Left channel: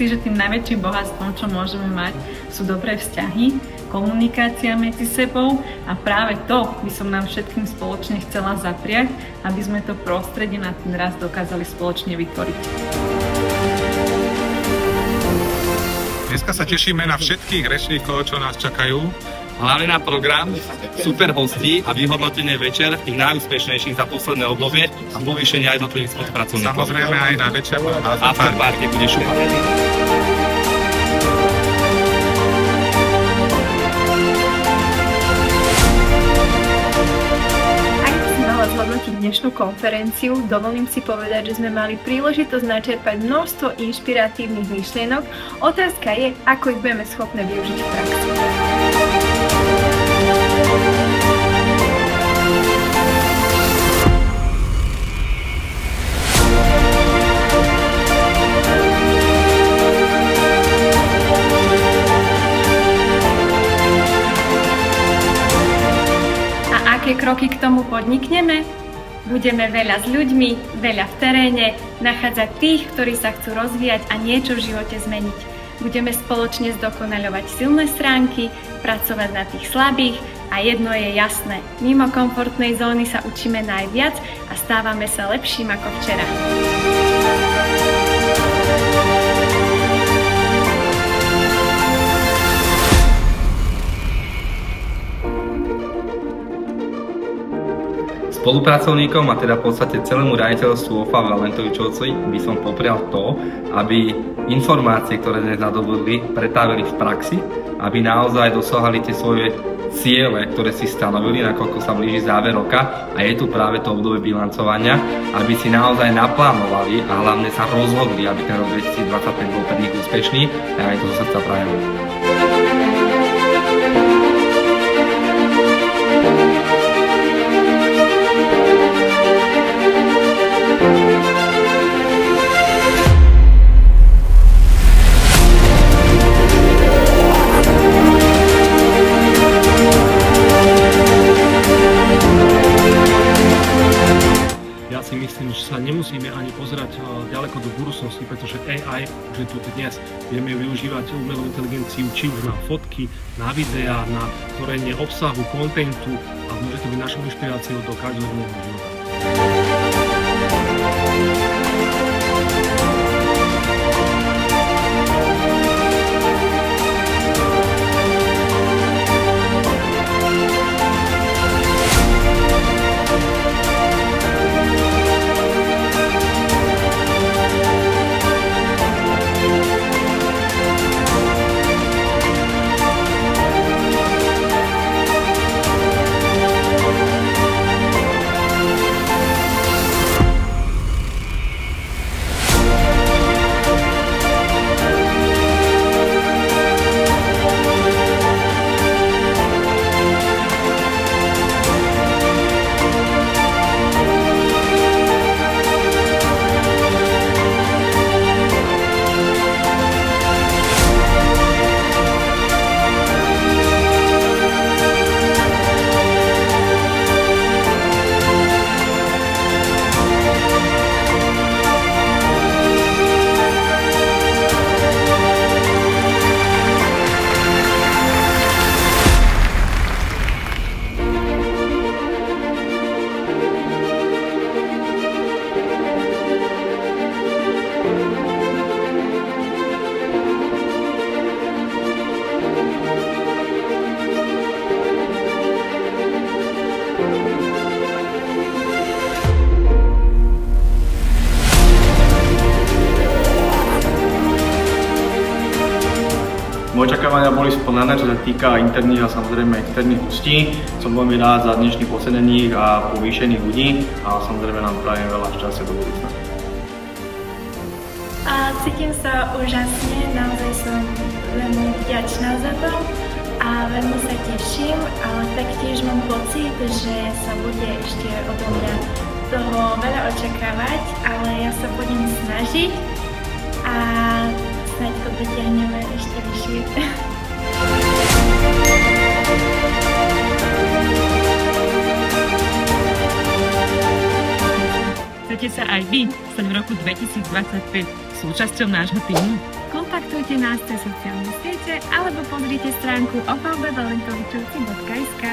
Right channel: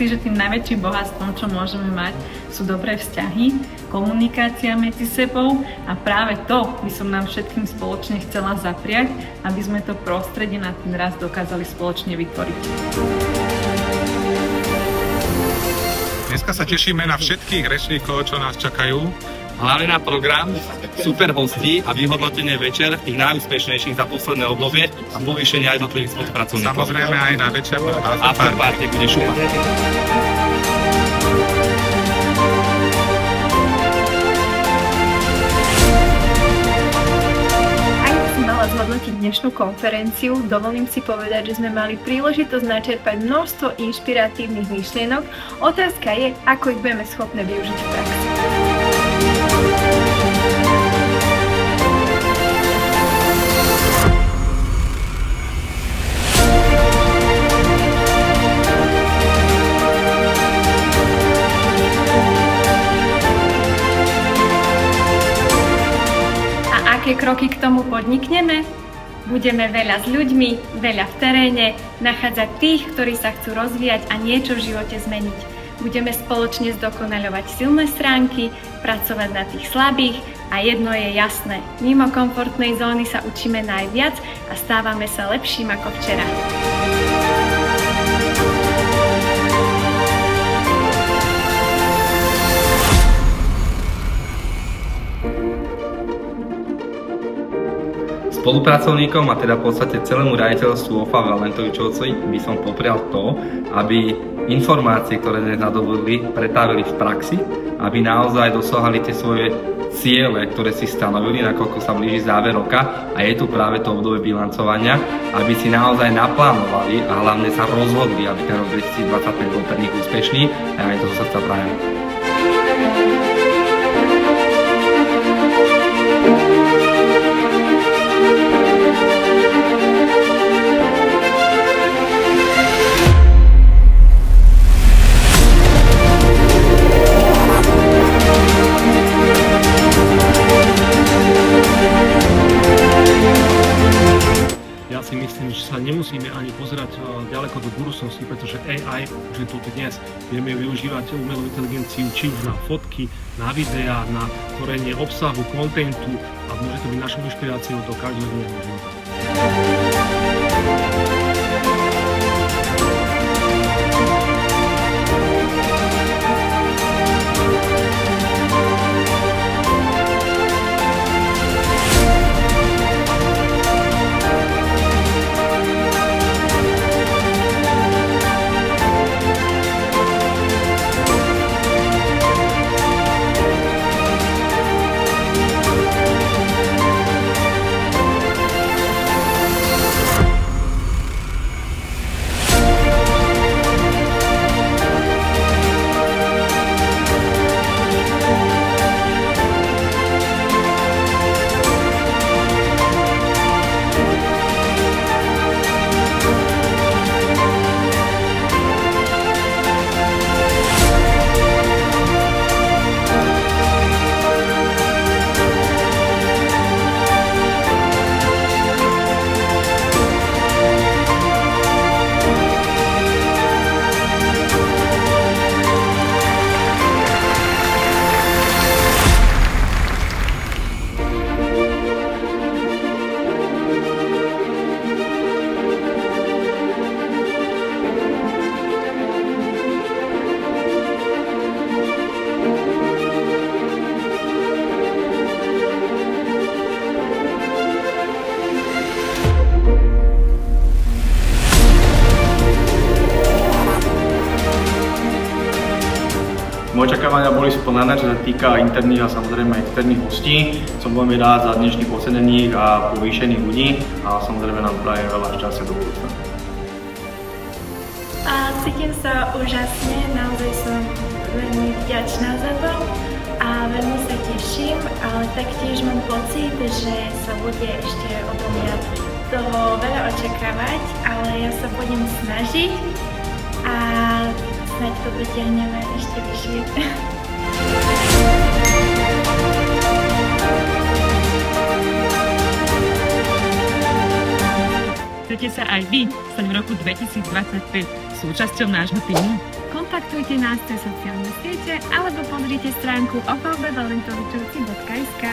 si, že tým najväčším bohatstvom, čo môžeme mať, sú dobré vzťahy, komunikácia medzi sebou a práve to by som nám všetkým spoločne chcela zapriať, aby sme to prostredie na ten rast dokázali spoločne vytvoriť. Dneska sa tešíme na všetkých rečníkov, čo nás čakajú. Hlavne na program, super hostí a vyhodnotenie večer tých najúspešnejších za posledné obdobie a povýšenie aj jednotlivých spolupracovníkov. Samozrejme aj na večer. Afterparty bude šupa. Zhodnotiť dnešnú konferenciu, dovolím si povedať, že sme mali príležitosť načerpať množstvo inšpiratívnych myšlienok. Otázka je, ako ich budeme schopné využiť v praxi. Aké kroky k tomu podnikneme? Budeme veľa s ľuďmi, veľa v teréne, nachádzať tých, ktorí sa chcú rozvíjať a niečo v živote zmeniť. Budeme spoločne zdokonaľovať silné stránky, pracovať na tých slabých a jedno je jasné, mimo komfortnej zóny sa učíme najviac a stávame sa lepším ako včera. Spolupracovníkom a teda v podstate celému riaditeľstvu OFA Valentovičovci by som poprial to, aby informácie, ktoré dnes nadobudli, pretavili v praxi, aby naozaj dosahali tie svoje ciele, ktoré si stanovili, nakoľko sa blíži záver roka a je tu práve to obdobie bilancovania, aby si naozaj naplánovali a hlavne sa rozhodli, aby ten rok 2025 bol pre nich úspešný a aj to zo srdca prajem. Ja si myslím, že sa nemusíme ani pozerať ďaleko do budúcnosti, pretože AI už je tu dnes. Vieme využívať umelú inteligenciu či už na fotky, na videá, na tvorenie obsahu, kontentu a môže to byť našou inšpiráciou do každodenného života. Moje očakávania boli splnené, čo sa týka interných a samozrejme externých hostí. Som veľmi rád za dnešných ocenených a povýšených ľudí a samozrejme nám prajem veľa šťastia do budúcna. Cítim sa úžasne, naozaj som veľmi vďačná za to a veľmi sa teším, ale taktiež mám pocit, že sa bude ešte odo mňa toho veľa očakávať, ale ja sa budem snažiť a snáď to dotiahneme ešte vyššie. Chcete sa aj vy stať v roku 2025 súčasťou nášho týmu? Kontaktujte nás cez sociálne siete alebo pozrite stránku oflbvalentovičovci.sk.